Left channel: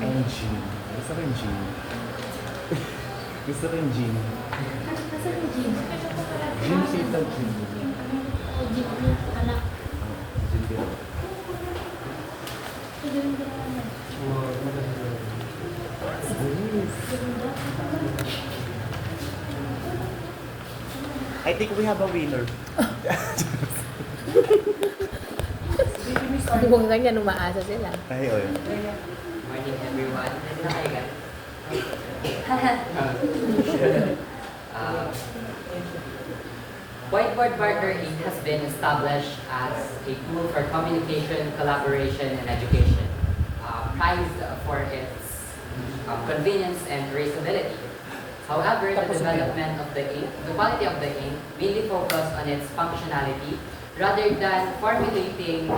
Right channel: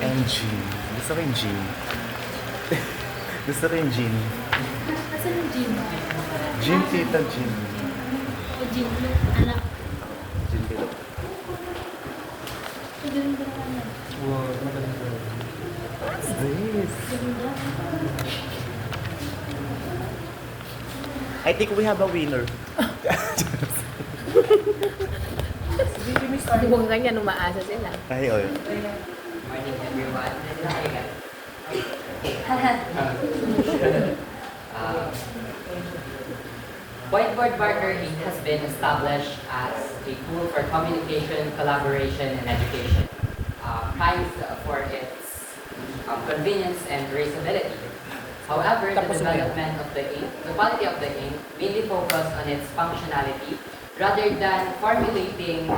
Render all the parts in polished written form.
Engine. Gusto ko yung gin. Gusto ko yung gin. Asan yung gin? Gin, tita, gin. O gin, anak. Gin tita. I think we have a winner. Kung ganyan, umaasa sila. Ayun. Morning everyone. Whiteboard Marker Inc. has been established as a tool for communication, collaboration, and education, prized for its convenience and traceability. However, the development of the ink, the quality of the ink, mainly focused on its functionality rather than formulating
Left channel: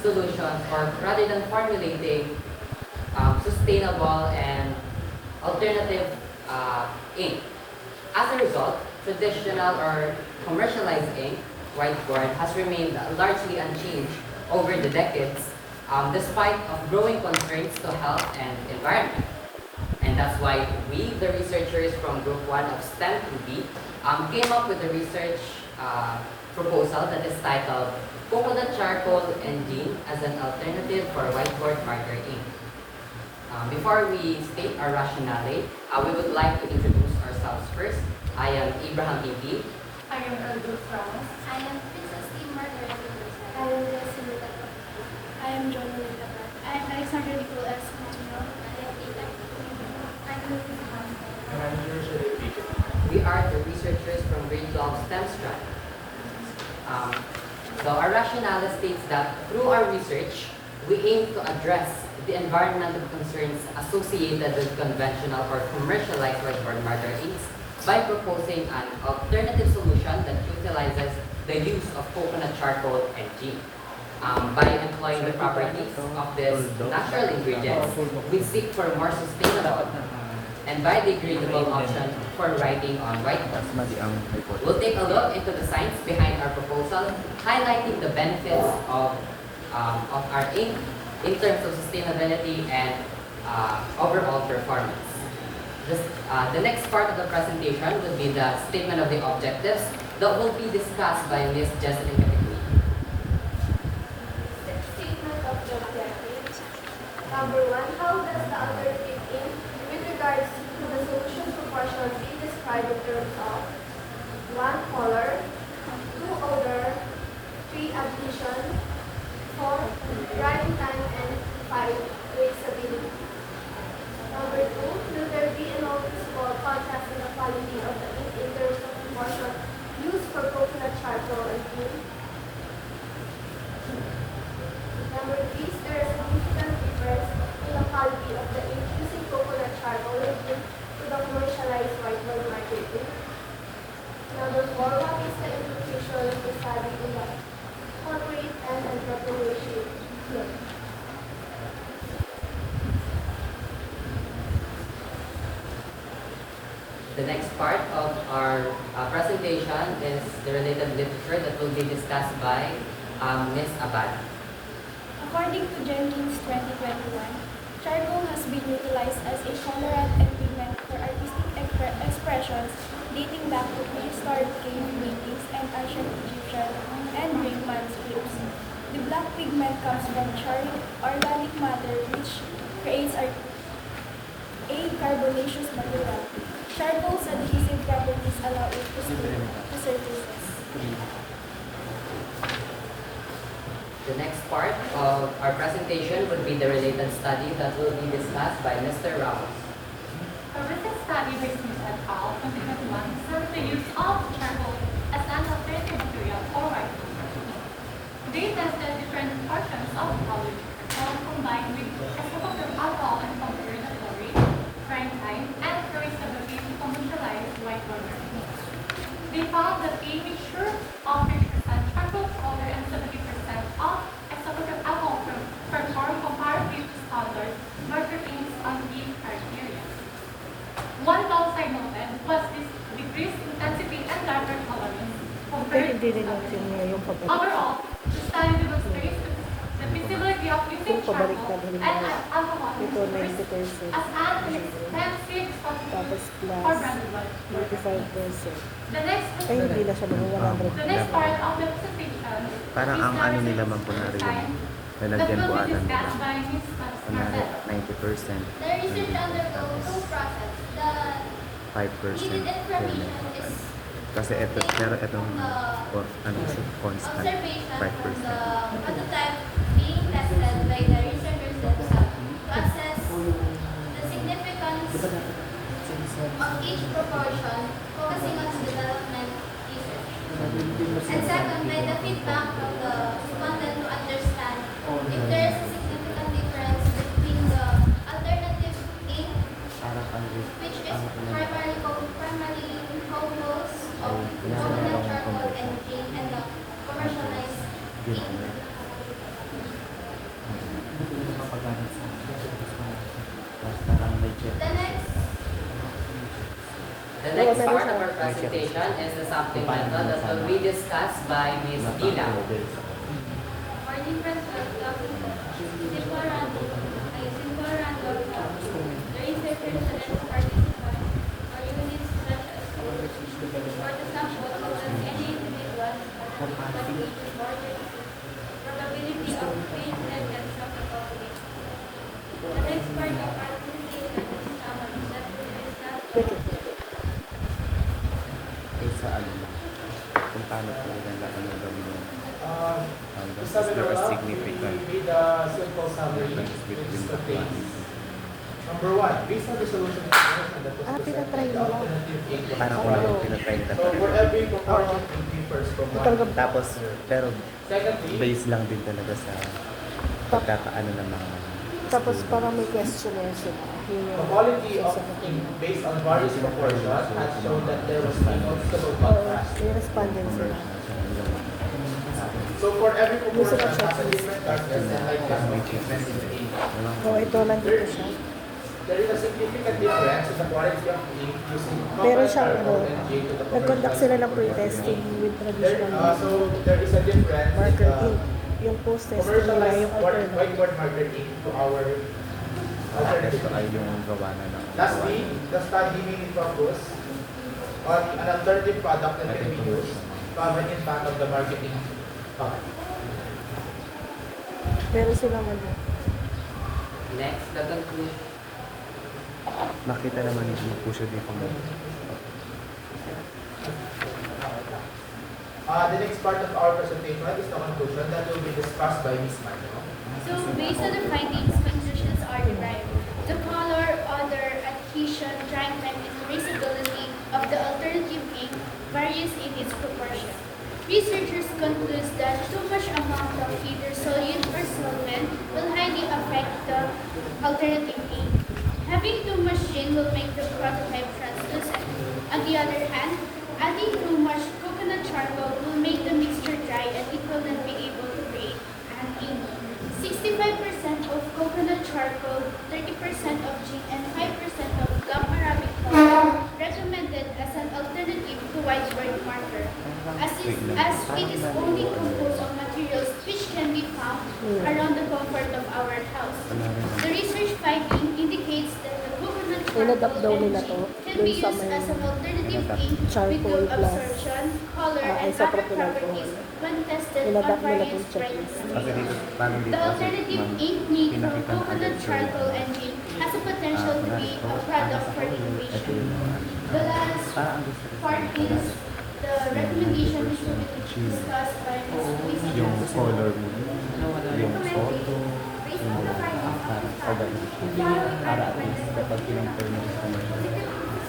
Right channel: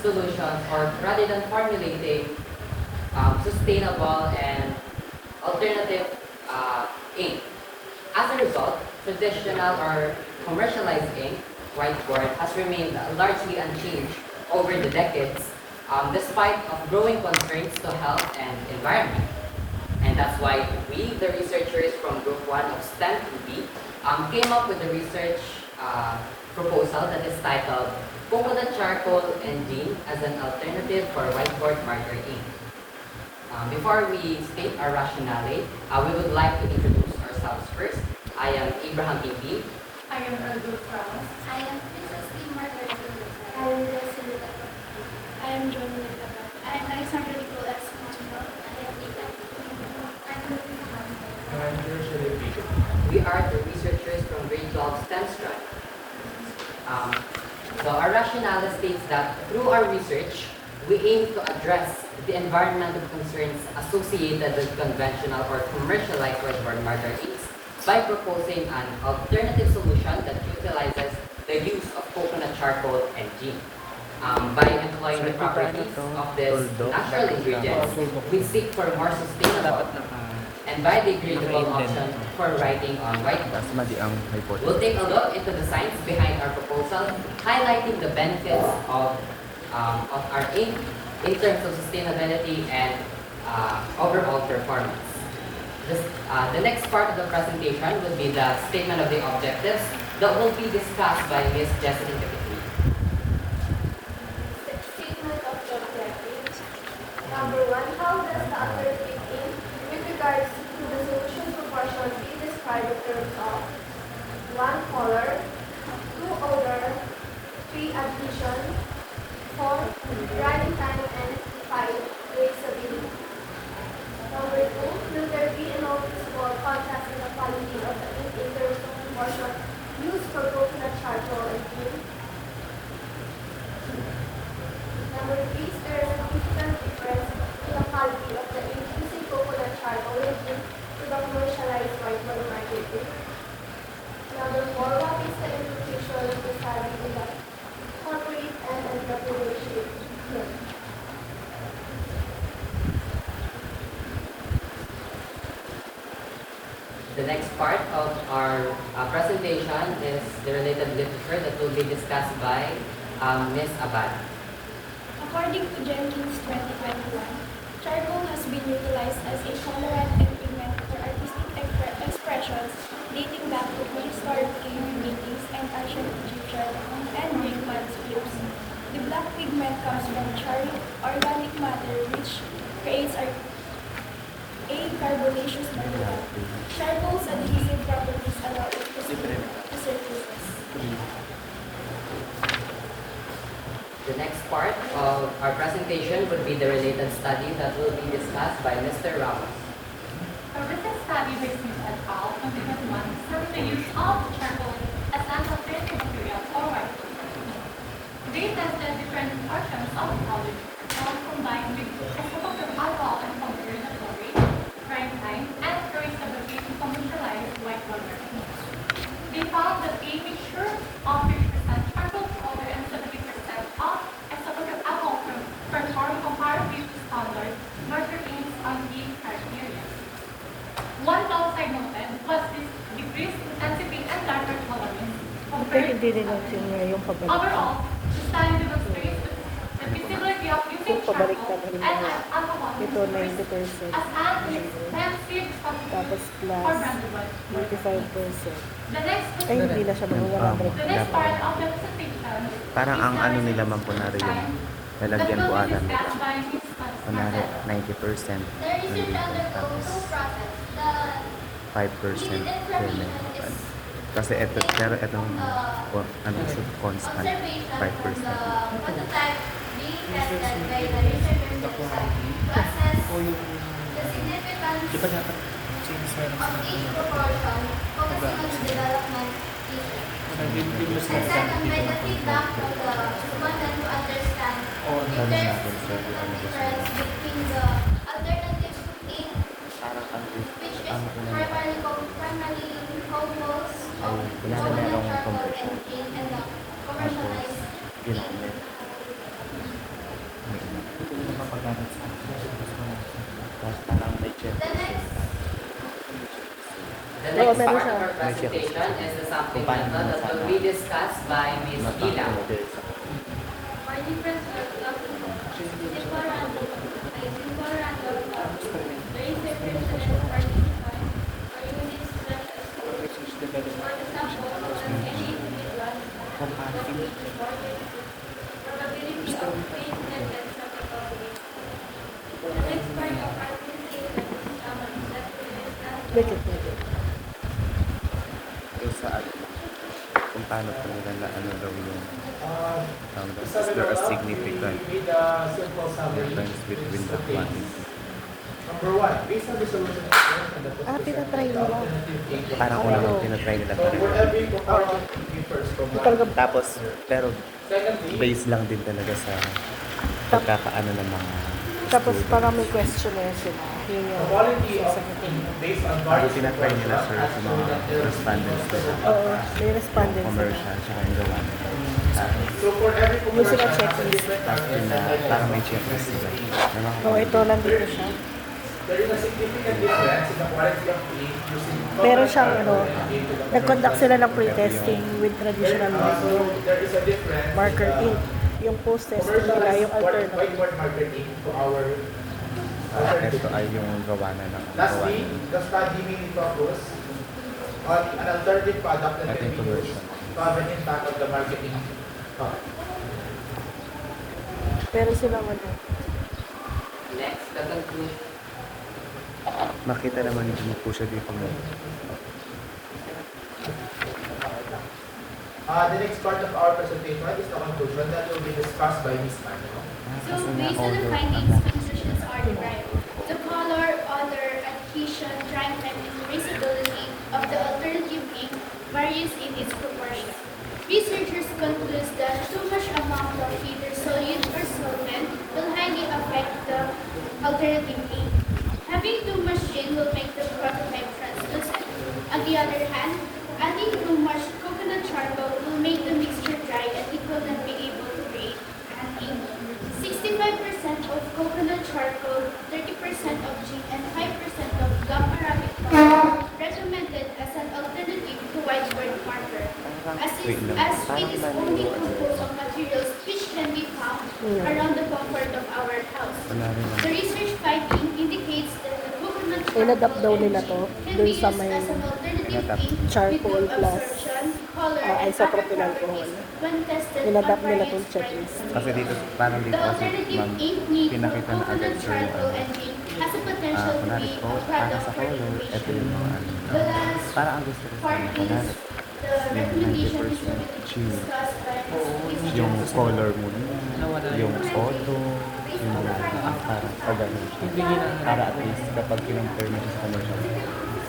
solutions or rather than formulating sustainable and alternative ink. As a result, traditional or commercialized ink, whiteboard, has remained largely unchanged over the decades, despite of growing concerns to health and environment. And that's why we, the researchers from Group 1 of STEM 2B, came up with a research proposal that is titled Coconut Charcoal and Gin as an Alternative for Whiteboard Marker Ink. Before we state our rationale, we would like to introduce ourselves first. I am Abraham Ibi. I am Aldo Franz. I am Princess Timor. I am Leslie. I am John. I am Alexander Nicolas. We are the researchers from grade 12 STEM Strand. So our rationale states that through our research, we aim to address the environmental concerns associated with conventional or commercialized whiteboard marker inks by proposing an alternative solution that utilizes the use of coconut charcoal and gin. By employing the properties of these natural ingredients, we seek for more sustainable and biodegradable option for writing on whiteboard. We'll take a look into the science behind our proposal, highlighting the benefits of our ink in terms of sustainability and overall performance. The next part of the presentation will be the statement of the objectives that will be discussed by Ms. Jesselyn Capitli. Statement of the objectives. Number 1, how does the alternative ink with regards to the solution proportion be described in terms of 1, color, 2, odor, 3, adhesion, 4, running time, and 5, traceability. Number 2, will there be a noticeable contrast in the quality of the ink in terms of proportion used for coconut charcoal and ink? Number 3, is there a significant difference in the quality of the ink using coconut charcoal and ink to the commercialized whiteboard marker ink? Number 4, what is the implication of the study in the corporate and entrepreneurship field? The next part of our presentation is the related literature that will be discussed by Ms. Abad. According to Jenkins 2021, charcoal has been utilized as a colorant and pigment for artistic expressions dating back to prehistoric cave paintings and ancient Egyptian and Greek manuscripts. The black pigment comes from charred organic matter which creates a carbonaceous material. Charcoal's adhesive properties allow it to stick to surfaces. The next part of our presentation would be the related study that will be discussed by Mr. Ramos. A recent study by Smith et al. 2021 surveyed the use of charcoal as an alternative material for whiteboard. They tested different portions of college combined with exposure of alcohol and compared the flow rate, prime time, and traceability to commercialize whiteboard. They found that a mixture of 50% charcoal powder and 70% of exposure of alcohol performed comparatively to standard marker inks on each criteria. One downside noted was this decreased intensity and darker tolerance compared to overall, the study demonstrates the feasibility of using illicit pabaliktad, charcoal halimbawa, and alcohol ito used 90%. as an inexpensive Tapos substitute plus for branded oil. 95%. The next Ay, hindi na siya mga The next 100%. part of the presentation Parang is ang the ano nila research man po na rin science na that nalagyan will po be agad. discussed by Ms. Kunwari, Marcel. 90%, The research undergoes two process. The 5%. needed information is Kasi ito, pero itong ano, constant, observation 5%. from the prototype being tested by the researchers themselves to assess the significance of each proportion, focusing on the development research. And second, by the feedback from the respondent to understand if there is a significant difference between the alternative ink, which is primarily composed of coconut charcoal and ink, and the commercialized ink. The next The next part of our presentation is the sampling method that will be discussed by Ms. Dila. by different simple random, the researchers identified or unique selection for the sample of any individual that is reported probability of faith and acceptability. The next part of our presentation is Wait, wait, wait. Eh, sa ano, kung paano po nila ano gawin yung is Sabi there a na significant we need a simple summary difference in between these the phases. Number one, based on the solution of the tinatry nila. parang ko lang tinatry nila. So we're having comparative thinking first from one. Tapos, pero Secondly, based lang din talaga sa pagkakaano ng mga Tapos parang may questionnaire sila. Yun the yung quality of sasagutin mo. based on various proportions has shown that there is no stable Oo, contrast. may respondent sila. conversion, tsaka yung gawa. So for every Yung proportion sila has a checklist. different target and Parang may like checklist. Oo, ito lang dito siya. there is a significant difference in the quality of ink using Meron siyang ano, and ink to the nag-conduct sila ng pre-testing with traditional so method. there is a difference Marker in the ink. Yung post-testing nila, yung alternative. whiteboard marker ink to our alternative. Ito ay yung gawa na ng Lastly, the study mainly focus on an alternative product that can be used to have an impact on the marketing. Pero silang ano, Next, the conclusion. makita naman yung po siya dito mo. The next part of our presentation is the conclusion that will be discussed by Ms. Maino. So, based on the findings, conclusions are derived. The color, odor, adhesion, dryness, and traceability of the alternative ink varies in its proportion. Researchers conclude that too much amount of either solute or solvent will highly affect the alternative ink. Having too much gin will make the prototype translucent. On the other hand, adding too much coconut charcoal will make the mixture dry and it will not be able to create an ink. 65% of coconut charcoal, 30% of gin, and 5% of gum arabic powder recommended as an alternative to whiteboard marker, as it is only composed of materials which can be found around the comfort of our house. The research finding indicates that the coconut Inadapt daw nila to can dun be sa used may as an alternative ink with charcoal good plus absorption, color, and isopropyl other alcohol. properties when tested on Inadapt nila various tong checklist. brands. Kasi dito, parang dito The kasi alternative ma'am, ink made from pinakita ng coconut agad sa charcoal and ink has a potential to be a product for ito innovation. yung ano. The last Parang ang gusto ko part is the recommendation is to be discussed by Ms. yung Lisa. color mo, yung photo, yung parang agad para at least kapag kinonfirm mo sa kanila,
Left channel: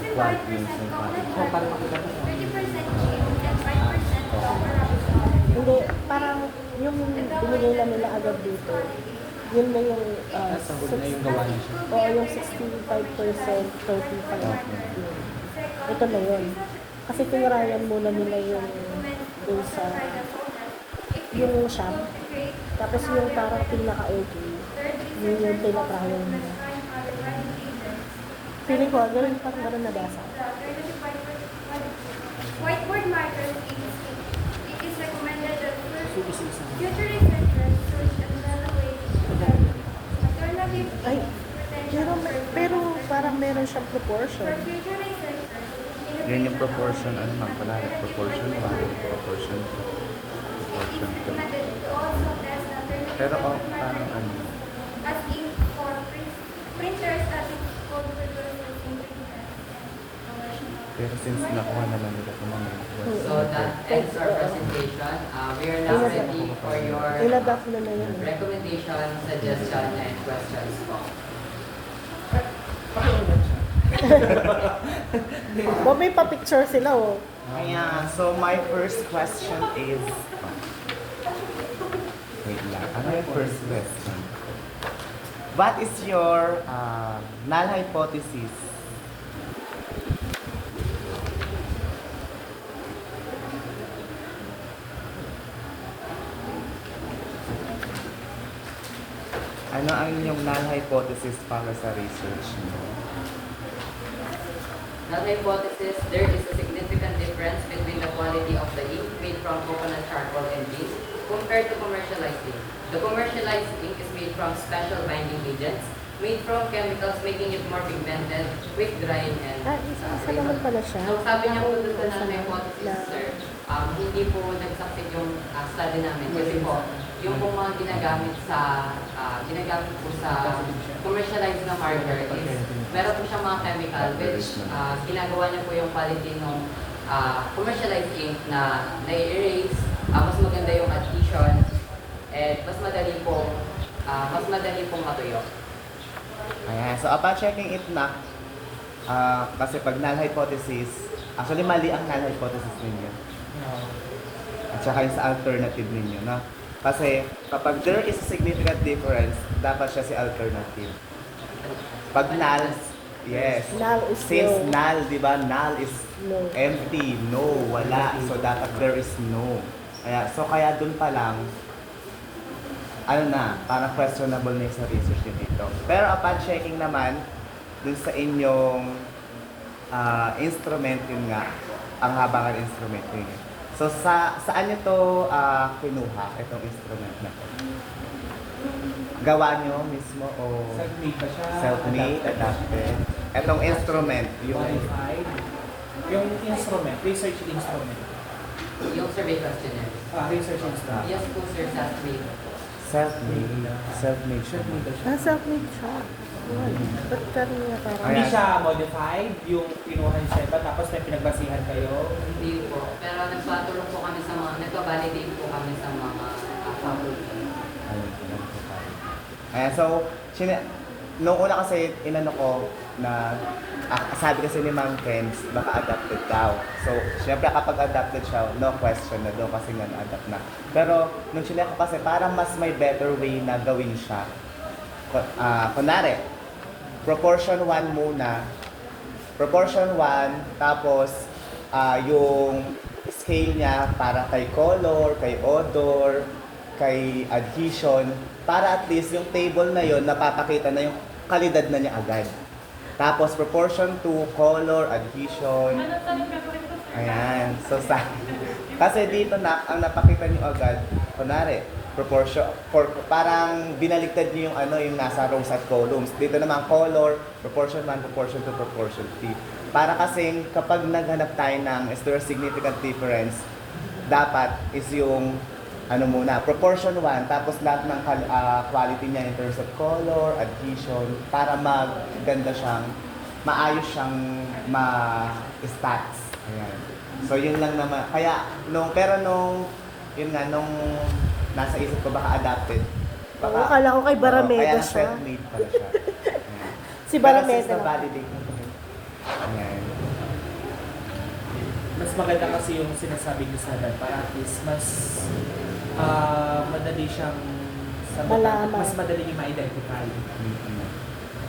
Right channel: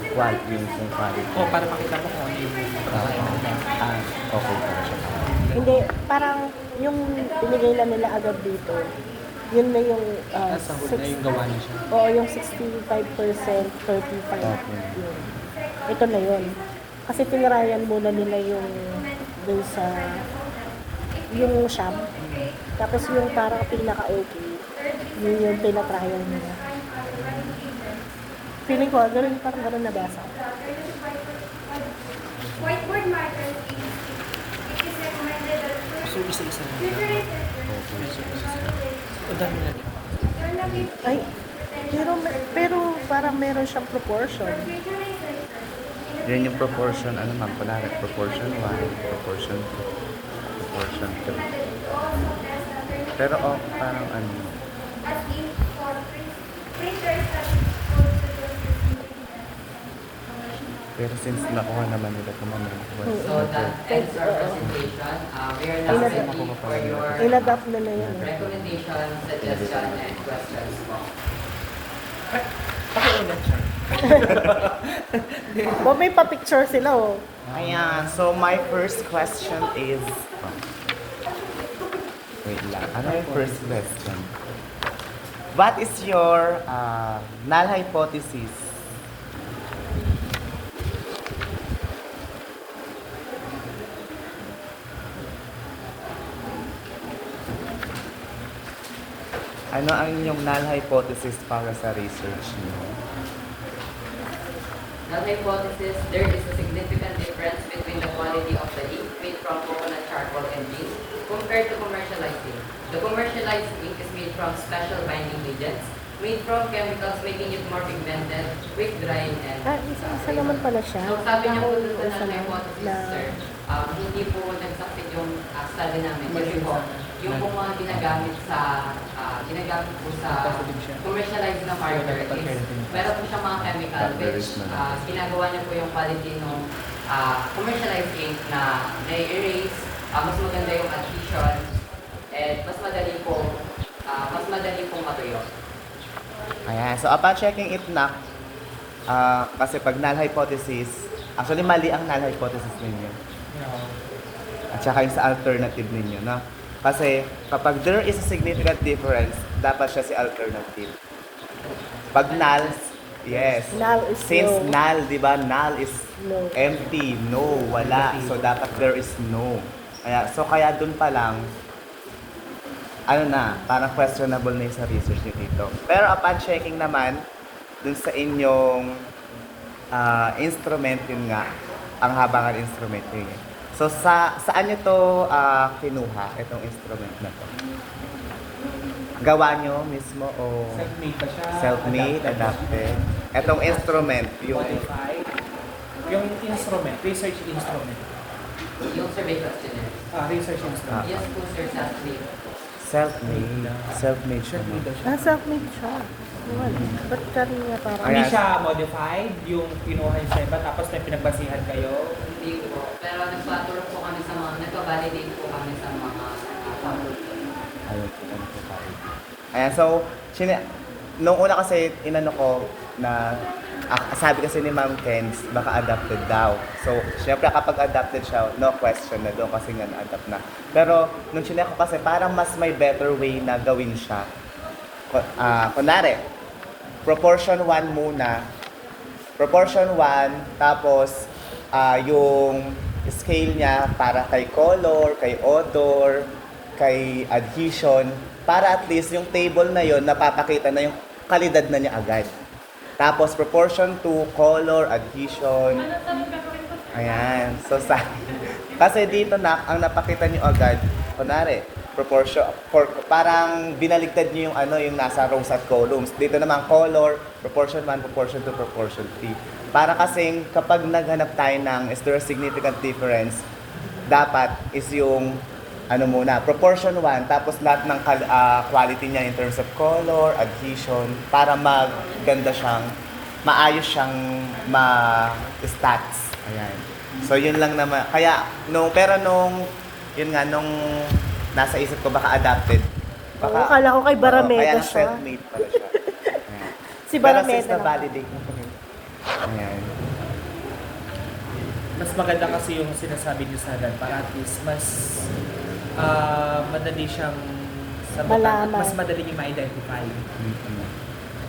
flat yung quality. Oh, para makita mo. Okay. Hindi, parang yung binigay lang nila agad dito, yun na yung yung 65%, 35%. Yun. Ito na yun. Kasi tinrayan muna nila yung dun sa yung sham. Tapos yung parang pinaka-okay, yun yung tinatrayan nila. Feeling ko, parang ganun nabasa. Whiteboard marker ink. It is recommended that first measure researchers Ay, pero parang meron siyang proportion. Yun yung proportion, ano man pala, proportion 1, proportion 2, proportion 2. Pero parang ano, As if for printers that is called pero since nakuha naman nila kung ano. So that ends our presentation. We are now ready for your Inadapt na yun. recommendation, suggestion, and questions po. Ba, may pa-picture sila, oh. Ayan, so my first question is... Wait lang, ano yung first question? What is your null hypothesis? Ano ang inyong null hypothesis para sa research niyo? Null hypothesis, there is a significant difference between the quality of the ink made from coconut charcoal and ink compared to commercialized ink. The commercialized ink is made from special binding agents made from chemicals making it more pigmented, quick drying, and Isa naman pala siya. So sabi niyo po dun sa Isa null na- hypothesis, na- sir, hindi po nag-succeed yung study namin kasi po, yung po mga ginagamit po sa commercialized na marker is meron po siyang mga chemical which ginagawa niya po yung quality ng commercialized ink na na-erase, mas maganda yung adhesion, and mas madali pong matuyo. Ayan, so upon checking it na, kasi pag null hypothesis, actually mali ang null hypothesis ninyo. At saka yung sa alternative ninyo, no? Kasi kapag there is a significant difference, dapat siya si alternative. Pag null, yes. Null is Since no. null, di ba? Null is No. empty, no, wala. So dapat there is no. Kaya dun pa lang, ano na, parang questionable na yung sa research nyo dito. Pero upon checking naman, dun sa inyong instrument, yun nga, ang habangan instrument nyo yun. So saan nyo to kinuha, itong instrument na to? Gawa nyo mismo o Self-made pa siya. self-made, adapted? Itong instrument, yung Modified. Yung instrument, research instrument. Yung survey questionnaire. Research instrument. Yes po, sir, self-made. self-made siya. Self-made siya. Wala. Ba't kanya parang... Hindi siya modified, yung kinuha niyo sa iba, tapos may pinagbasihan kayo. Hindi po. Pero nagpatulong po kami sa mga, nagpa-validate po kami sa mga faculty. Ayan, so, nung una kasi inano ko na sabi kasi ni Ma'am Kenz, baka adapted daw. So, syempre kapag adapted siya, no question na doon kasi nga na-adapt na. Pero nung chinek ko kasi parang mas may better way na gawin siya. Kunwari, proportion 1 muna. Proportion 1, tapos yung scale niya para kay color, kay odor, kay adhesion, para at least yung table na yon napapakita na yung kalidad na niya agad. Tapos proportion to color, adhesion. Ayan. So kasi dito na ang napakita niyo agad, kunwari, proportion parang binaligtad niyo yung yung nasa rows at columns. Dito naman color, proportion 1, proportion 2, proportion 3. Para kasing kapag naghanap tayo ng is there a significant difference, dapat is yung muna, proportion 1, tapos lahat ng quality niya in terms of color, adhesion, para maganda siyang, maayos siyang ma-stats. Ayan. So, yun lang naman. Kaya, yun nga, nung nasa isip ko baka adapted. Oo, akala ko kay Barameda kaya siya. self-made pala siya. Ayan. Si Barameda Pero since lang. na-validate ko. Ayan. Mas maganda kasi yung sinasabi niyo sa agad, para at least mas madali siyang Malaman. mas madali niyo ma-identify. Mm-hmm.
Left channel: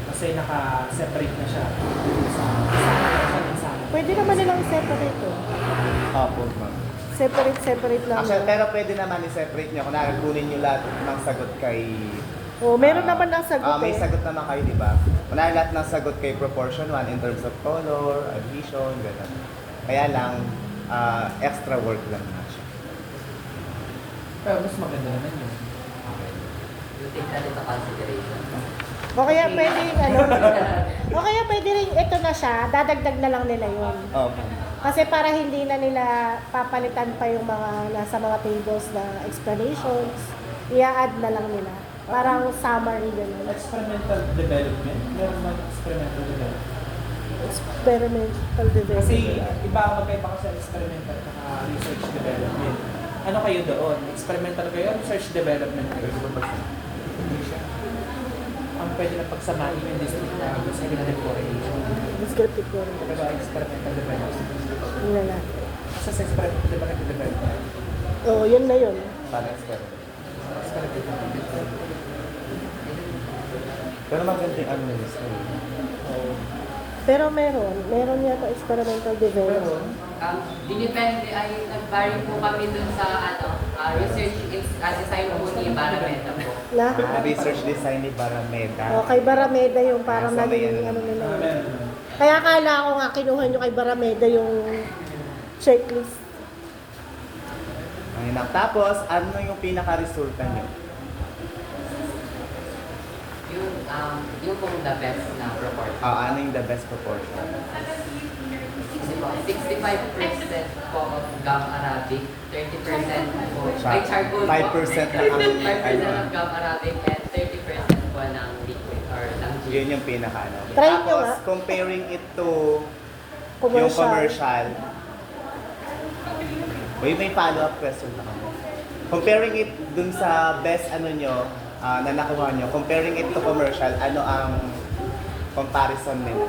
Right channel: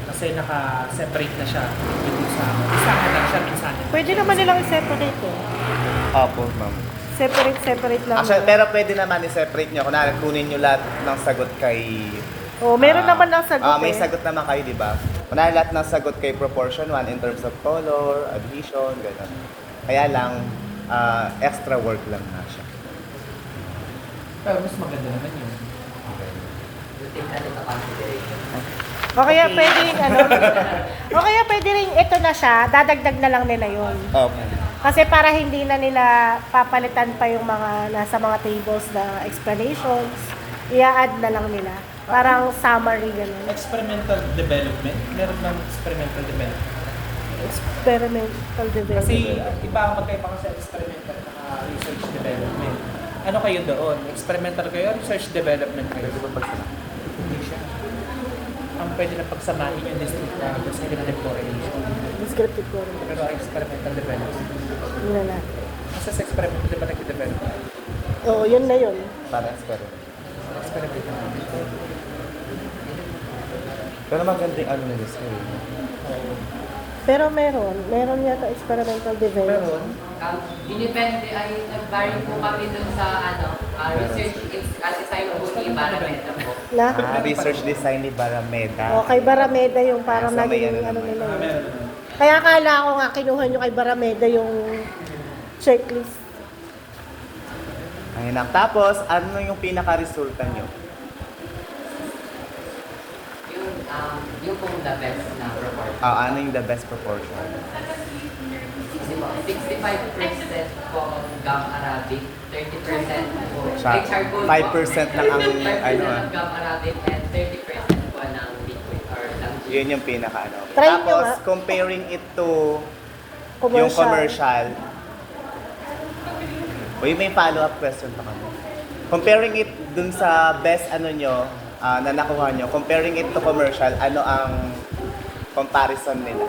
Kasi naka-separate na siya dito sa isa na siya minsan. Pwede naman nilang i-separate eh. Opo, ma'am. Separate lang. Actually, pero pwede naman i-separate nyo. Kunwari, kunin nyo lahat ng sagot kay... Oh, meron naman ng sagot may eh. sagot naman kayo, di ba? Kunwari, lahat ng sagot kay proportion 1 in terms of color, adhesion, gano'n. Kaya lang, extra work lang na siya. Pero mas maganda naman yun. You take that into consideration. O kaya pwedeng ano, o kaya pwede rin ito na siya, dadagdag na lang nila yun. Okay. Kasi para hindi na nila papalitan pa yung mga nasa mga tables na explanations, i-add na lang nila. Parang summary gano'n. Experimental development. Meron ng experimental development. Experimental Kasi development. iba ang magkaiba ka sa experimental at research development. Ano kayo doon? Experimental kayo? Research development kayo? Hindi siya. Ang pwede na pagsamahin yung descriptive sa exploration. Descriptive ko rin. Pero experimental development. Yun na natin. Isa sa experimental di ba nag-develop? Oo, yun na yun. Para experiment. Experimental development. Pero maganda yung ano nila sir. Pero meron yata experimental development. Dinipende ay nag-vary po kami dun sa research design po ni Barameta po. Na? Research design ni Barameda. O, kay Barameda yung parang Ah, so may naging ano ano nila yun. Meron. Kaya akala ko nga kinuha nyo kay Barameda yung checklist. Ngayon, tapos, ano yung pinaka-resulta niyo? Yung pong the best na report. Ano yung the best proportion? Kasi po, 65% po of gum Arabic, 30% po, ay charcoal po. 5% lang ang 5% of gum Arabic and 30% po ng liquid or ng gin. Yun yung pinaka-ano. Try nyo Tapos, nga. comparing it to yung Commercial. commercial. Uy, may follow-up question pa kami. Comparing it dun sa best ano nyo, na nakuha nyo, comparing it to commercial, ano ang comparison nila?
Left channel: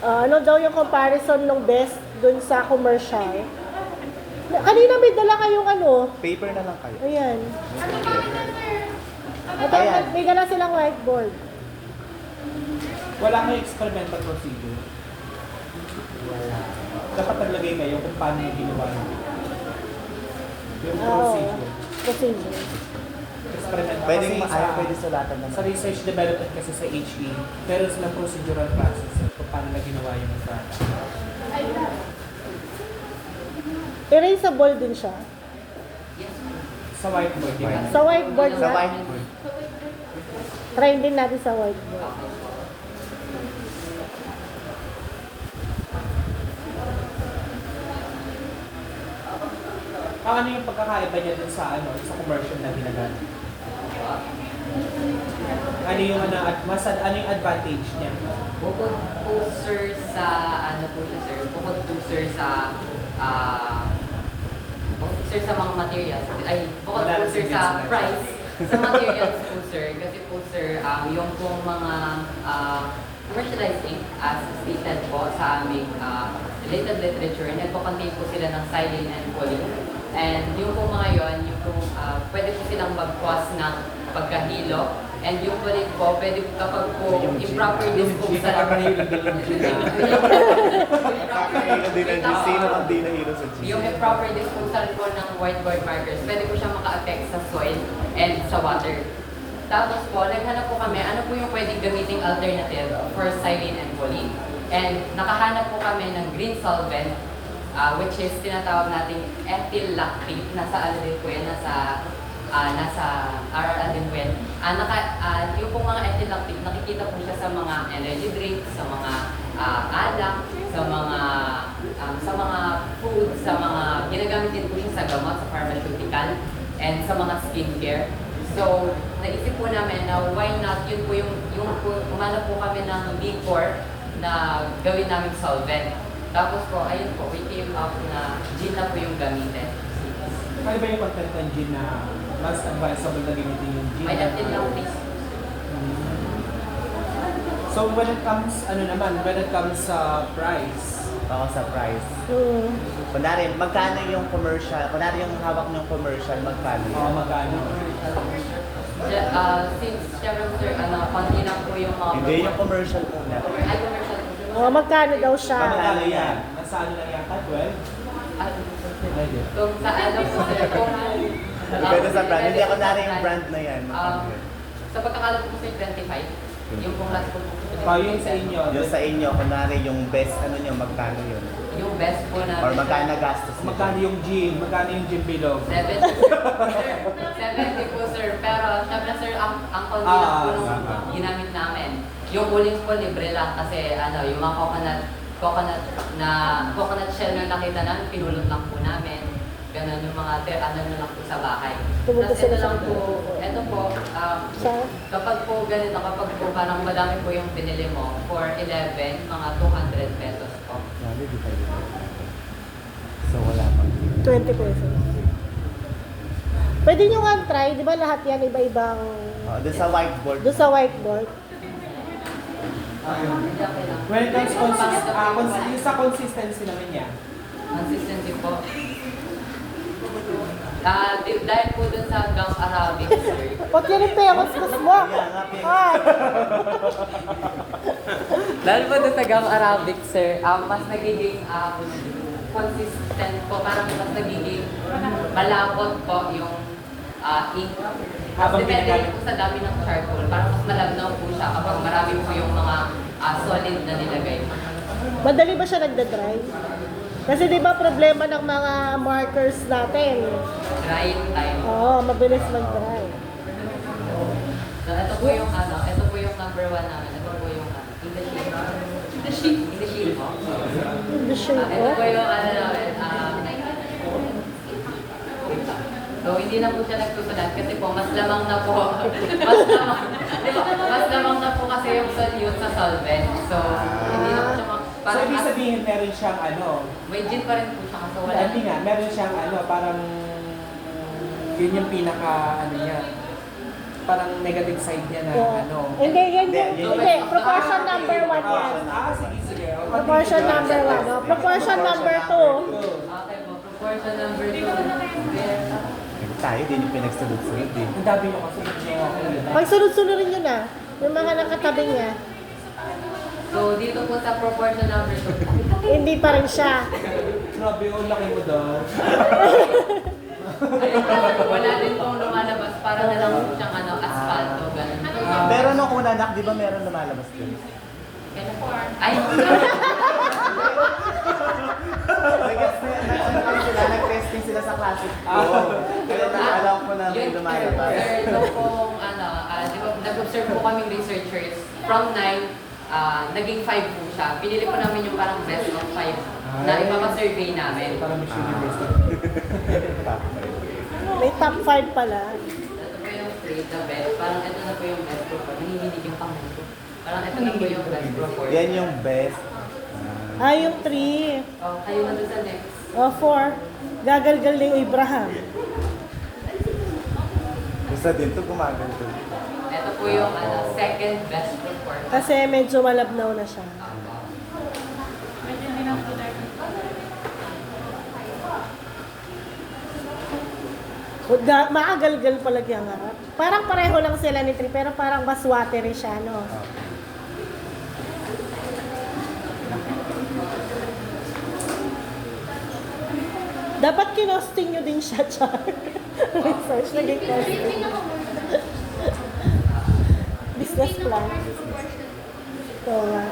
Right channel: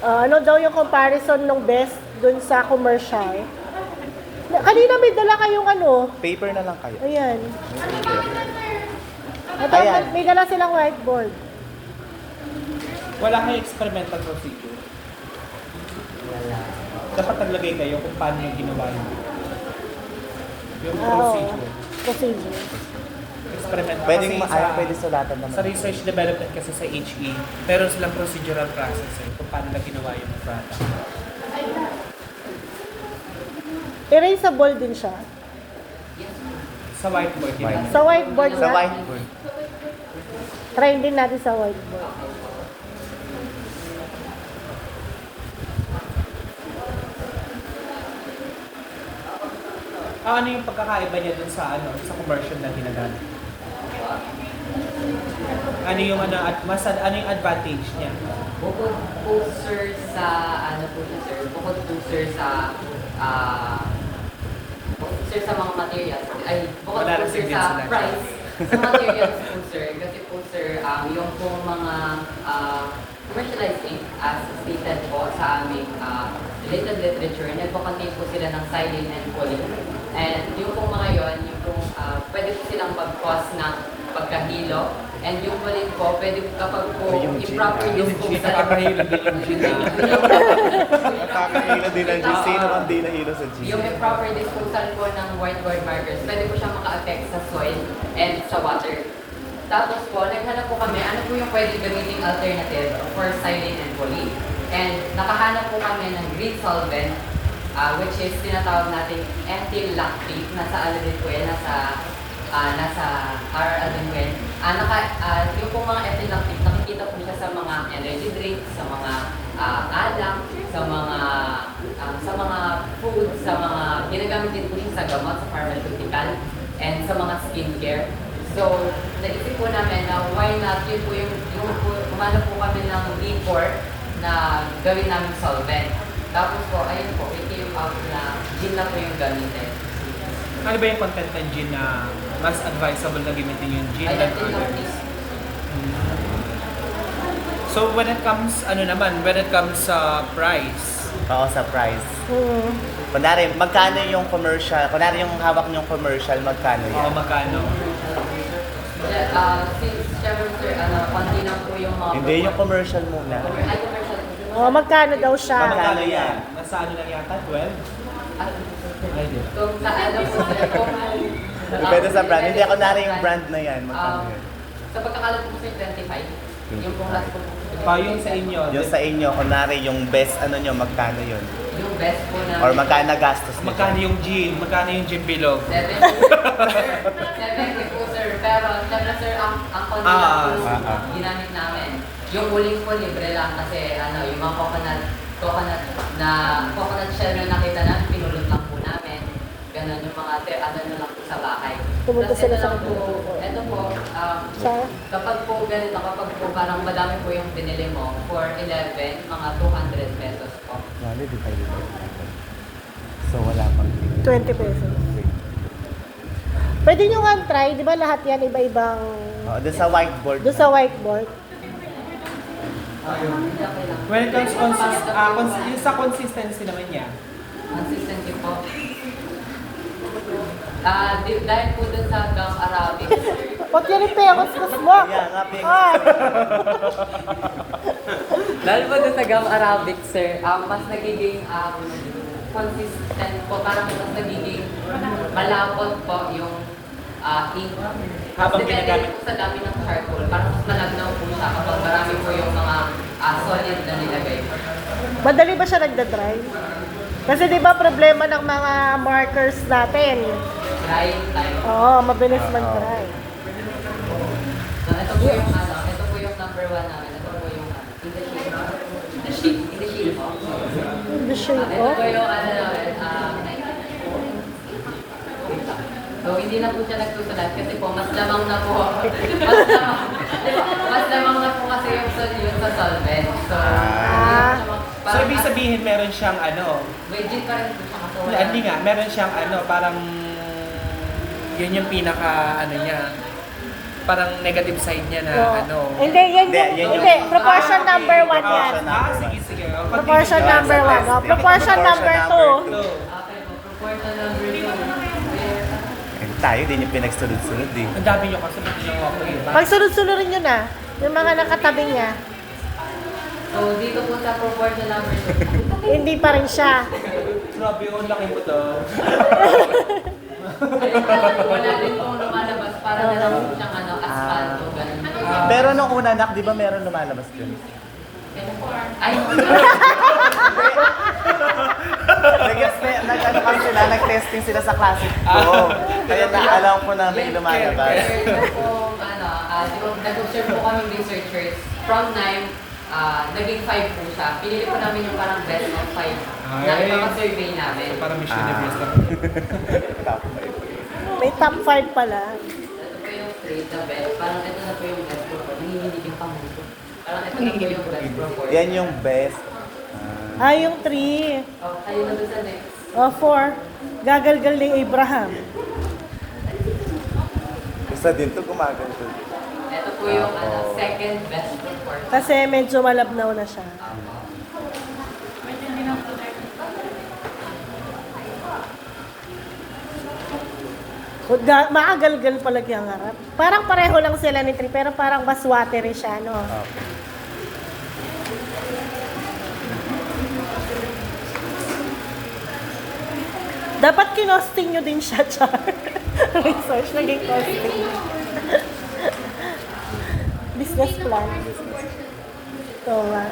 Ano daw yung comparison ng best dun sa commercial? Kanina may dala kayong ano. Paper na lang kayo. Ayan. Ito, Ayan. may dala silang whiteboard. Wala kayong experimental procedure. Wala. Dapat naglagay kayo kung paano yung ginawa nyo. Yung Oo. procedure. Procedure. Experimental. Pwedeng Kasi pwede sulatan naman. sa research development kasi sa HE, meron silang procedural process kung paano na ginawa yung product. Erasable din siya. Sa whiteboard, di ba? Sa whiteboard Sa nga. whiteboard. Try din natin sa whiteboard. Ano yung pagkakaiba niya dun sa sa commercial na ginagamit? Ano yung ano yung advantage niya? Bukod po sir sa, bukod po sir sa, mga materials, bukod Wala po rin sir din sa sila. price, sa materials po sir, kasi po sir, yung pong mga commercialized ink, as stated po sa aming related literature, nagpo-contain po sila ng xylene and choline. And yung pong mga yon, yung pong, pwede po silang mag-cause ng pagkahilo. And yung choline po, pwede po kapag po improper use po sa Nakakahilo din ang G. Sino ang di nahilo sa G? yung improper disposal po ng whiteboard markers, pwede po siyang maka-affect sa soil and sa water. Tapos po, naghanap po kami, ano po yung pwedeng gamiting alternative for xylene and choline. And nakahanap po kami ng green solvent, which is tinatawag natin ethyl lactate. Nasa ano din po yan, nasa RRL din po yan. Yung po mga ethyl lactate, nakikita po siya sa mga energy drinks, sa mga alak, sa mga food, sa mga ginagamit din po siya sa gamot, sa pharmaceutical, and sa mga skincare. So, naisip po namin na why not, yun po umanap po kami ng D4 na gawin namin solvent. Tapos po, ayun po, we came out na gin na po yung gamitin. Ano ba yung content ng gin na mas advisable na gamitin yung gin? Ay, than natin others? So when it comes sa price, Oo, sa price. Hmm. Kunwari, magkano yung commercial? Kunwari yung hawak niyong commercial, magkano yan? magkano? Since syempre sir, konti lang po yung mga Hindi, yung commercial muna. Ay, commercial. Magkano daw siya? Magkano yan? Nasa ano lang yata? 12? Pwede. Kung sa ano po sir, Depende sa brand. Hindi, kunwari yung brand na yan. sa pagkakalat po sir, 25. Yung pong last po. Yung sa inyo. Yung sa inyo, kunwari yung best ano nyo, magkano yun? Yung best po na... Or magkano gastos nyo? Magkano yung gin? Magkano yung gin bilog? 70 po sir. Pero syempre sir, ang konti lang po ginamit namin. Yung uling po libre lang kasi ano, yung mga coconut shell na nakita namin, pinulot lang po namin. Ganon yung mga ano na lang po sa bahay. Pumunta Tapos sila ito sa lang po, ito po, Sa- kapag po ganito, kapag po parang madami po yung binili mo, for 11, mga 200 pesos po. Grabe, di tayo. So wala pa. 20 pesos. Pwede nyo nga try, di ba lahat yan iba-ibang Doon sa whiteboard. doon sa whiteboard? Hindi okay lang. When it comes yung sa consistency naman niya. Consistency po. Dahil po dun sa Gulf Arabic, sir. Ba't yan yung pekos mo? Yeah, nga, pekos. Ay! Dahil po dun sa Gulf Arabic, sir, mas nagiging consistent po, parang mas nagiging malapot po yung ink. Habang Depende pinagamit. rin po sa dami ng charcoal, parang mas malagnaw po siya kapag marami po yung mga solid na nilagay. Madali ba siya nagda-dry? Kasi di ba problema ng mga markers natin? Drying time. Oo, mabilis mag-dry. So, ito po yung ito po yung number 1 namin. Ito po yung in the sheet po. Hindi sure Ito ko. po yung so, hindi na po siya nagsusulat kasi po, mas lamang na po. Mas lamang na po kasi yung sa solvent. So, So, ibig sabihin meron siyang may gin pa rin po siya kasi wala. hindi nga, meron siyang parang yun yung pinaka niya. Parang negative side niya na Hindi, yan yung, Hindi, hindi, proportion number 1 yan. sige. Proportion number 1. Oh, proportion number 2. Okay po, proportion number 2. Tayo din yung pinagsulod-sulod eh. Ang dami nyo kasi ginawa ko yun. Pag sunod-sunod nyo na, yung mga nakatabi niya, So, dito po sa proportion number 2. hindi pa rin siya. Grabe yun, laki mo daw. Wala din pong lumalabas para na lang po siyang asphalt o ganun. Pero nung una, nak, di ba meron lumalabas dun? Ay, Nag-guess nag-ano kasi sila, nag-testing sila sa classic ko. Kaya naalam ko na may lumalabas. nag-observe po kami researchers from 9, naging 5 po siya. Pinili po namin yung parang best of 5 na ipapa-survey namin. Parang mission na best. Top May top 5 pala. Ito po yung 3, the best. Parang ito na po yung best report. Nanginginig yung pangalan ko. Parang ito na po yung best report. Yan yung best. Ah, yung 3. Oh, kayo na doon sa next. O, 4. Gagalgal ni Abraham. Isa din to gumagal to. Ito po yung second best report. Kasi medyo malabnaw na siya. Maagalgal pala yung harap. Parang pareho lang sila ni Tri, pero parang mas watery siya, no? Dapat kinosting nyo din siya, Char. Research, naging costing. Business plan. Ito nga.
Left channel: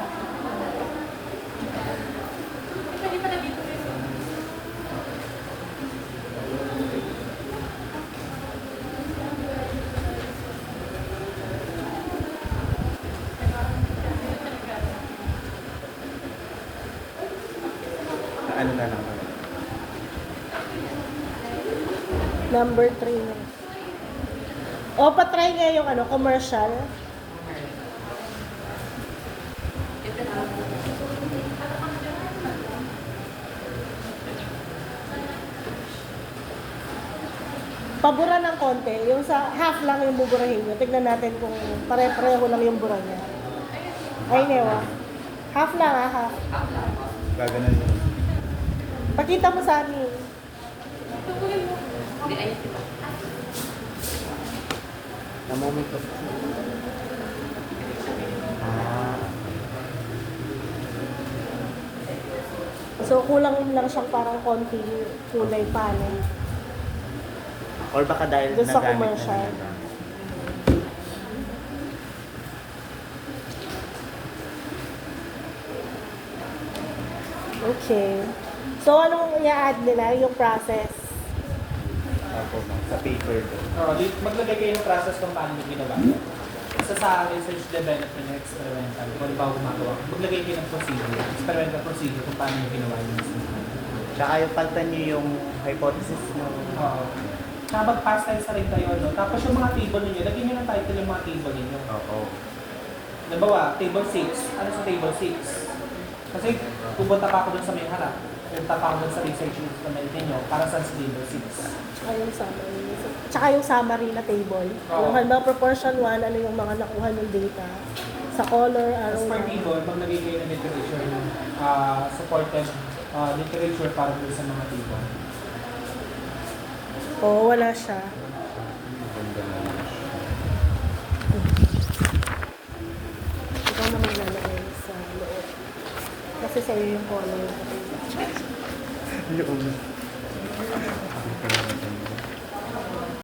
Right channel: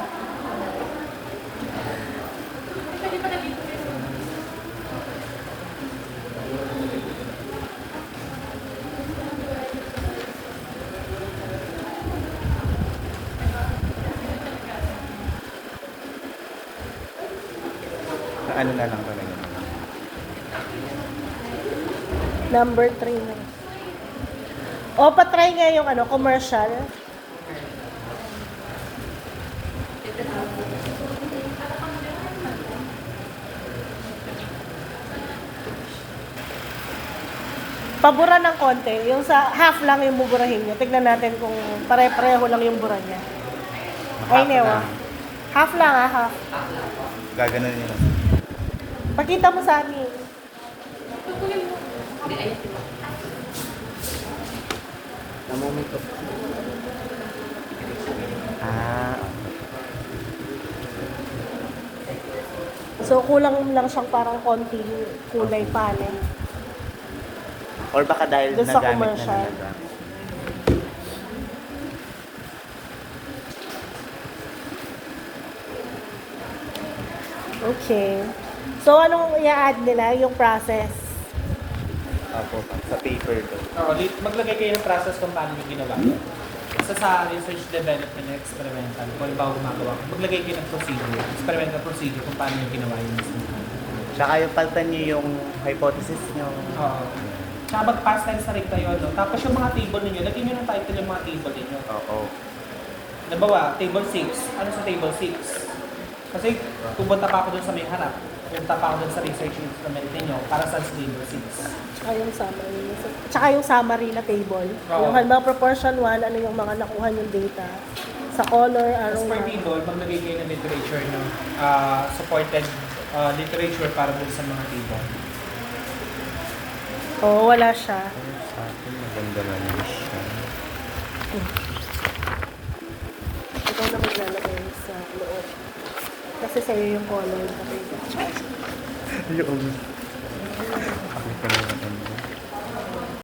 Ano na lang pala. Number 3 na. O, patry nga yung commercial. Pabura ng konti. Yung sa half lang yung buburahin nyo. Tignan natin kung pare-pareho lang yung bura niya. Ay, newa. Half lang half. Gaganon yun. Pakita mo sa amin. Na-moment of... So, kulang lang siyang parang konti kulay panin. Or baka dahil Doon sa nagamit commercial. mo yun. Okay. So, anong i-add nila? Yung process? Opo, sa paper doon. Maglagay kayo ng process kung paano yung ginawa. Isa sa research development and experimental, kung bago gumagawa, maglagay kayo ng procedure, experimental procedure kung paano yung ginawa yung Tsaka yung palitan niyo yung hypothesis nyo. Oo. Mag-pass kayo sa rin kayo, no? Tapos yung mga table ninyo, lagyan nyo ng title yung mga table ninyo. Oo. Nabawa, table 6. Ano sa table 6? Kasi pupunta pa ako dun sa may harap. Pupunta pa ako dun sa research instrument ninyo para sa table 6. Ay, yung summary. Tsaka yung summary na table. Oo. Yung halimbawa proportion 1, ano yung mga nakuha yung data. Sa color, arrow As per na. table, maglagay kayo ng literature nyo, supported literature para dun sa mga table. Oo, wala siya. Maganda na yun siya. Ikaw na maglalagay sa loob. Kasi sa'yo yung color. Yung